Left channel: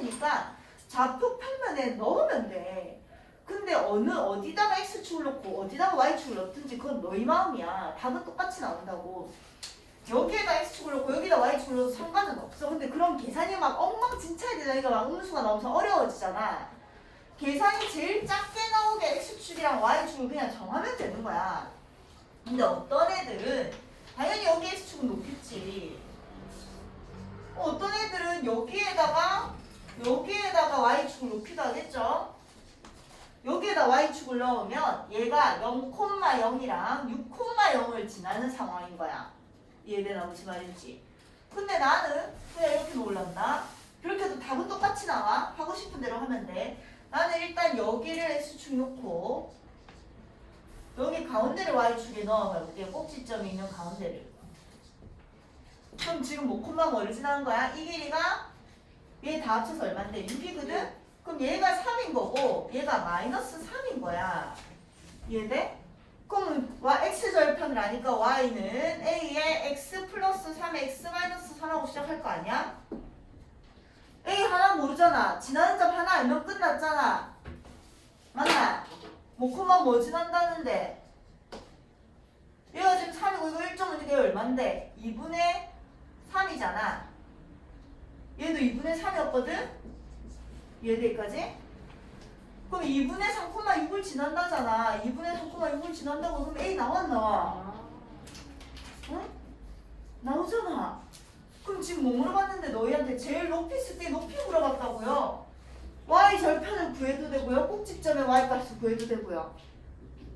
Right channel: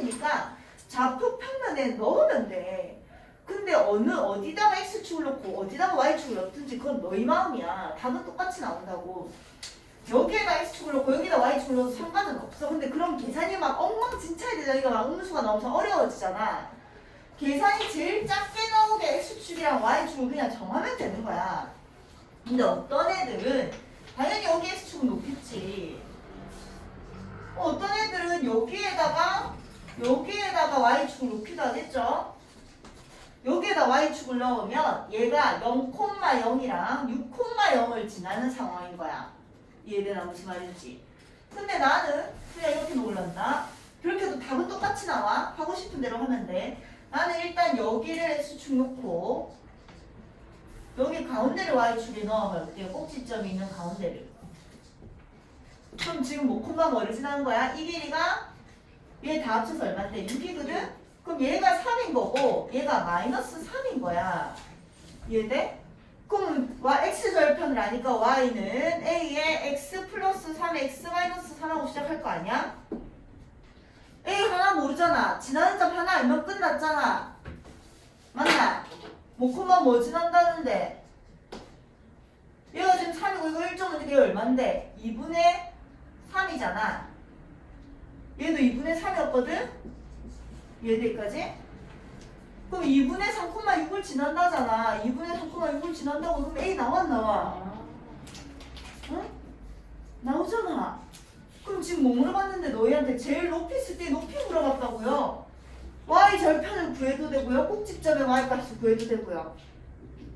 테니까 좌표 평면에 넣으면 돼. 근데 어느 어디다가 x축을 넣고 어디다가 y축을 넣든지 그건 너희 마음이야. 답은 똑같이 나온다고. 여기에다 x축을 넣고 여기다 y축을 넣어도 상관은 없어. 근데 그럼 계산이 막 엉망진창이. 이거 막 음수가 나오면서 어려워지잖아. 계산이 제일 작게 나오게 x축이랑 y축을 그냥 정하면 되는 거야. 근데 어떤 애들은 당연히 여기 x축은 높겠지. 어, 어떤 애들은 여기에다가 여기에다가 y축을 높이도 하겠죠. 여기에다 y축을 넣으면 얘가 0,0이랑 6,0을 지나는 상황인 거야. 이해되나 무슨 말인지. 근데 나는 그냥 이렇게 놓을란다. 그렇게 해도 답은 똑같이 나와. 하고 싶은 대로 하면 돼. 나는 일단 여기를 x축 놓고 여기 가운데를 y축에 넣어볼게요. 꼭지점이 있는 가운데를. 그럼 지금 뭐 콤마 뭐를 지나는 거야? 이 길이가 얘 다 합쳐서 얼마인데? 6이거든? 그럼 얘가 3인 거고 얘가 마이너스 3인 거야. 이해돼? 그럼 y, x 절편을 아니까 y는 a의 x 플러스 3의 x 마이너스 3하고 시작할 거 아니야? a 하나 모르잖아. 지나는 점 하나 알면 끝났잖아. 맞나? 뭐 콤마 뭐 지난다는데 얘가 지금 3이고 이거 1점은 이게 얼만데? 2분의 3이잖아. 얘도 2분의 3이었거든? 얘들까지? 그럼 2분의 3,6을 지난다잖아. 2분의 3,6을 지난다고 그럼 A 나와 나와? 응? 나오잖아. 그럼 지금 뭐 물어봤는데 너희한테 제일 높이 있을 때 높이 물어봤다고요. Y 절편을 구해도 되고요. 꼭지점의 Y 값을 구해도 되고요.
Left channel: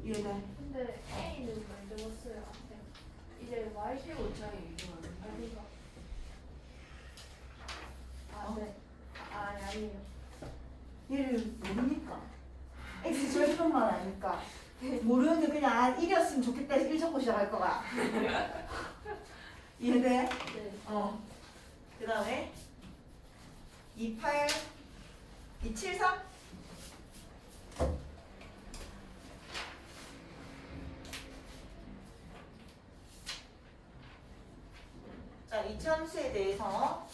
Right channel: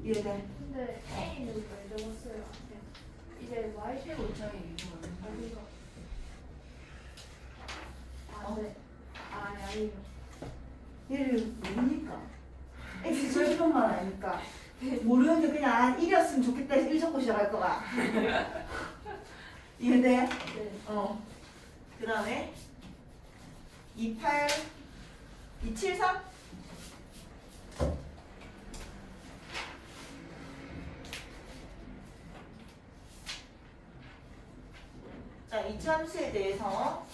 이해돼? 근데 A는 왜 적었어요? 이제 Y 이거 어디가? 아, 어? 네. 아, 아니요. 얘를 모르니까. X 절편만 아니까. 모르는데 그냥 아, 1이었으면 좋겠다 해서 1 적고 시작할 거가. 이해돼? 네. 어. 그 다음에 28, 273. 자, 이참수에 대해서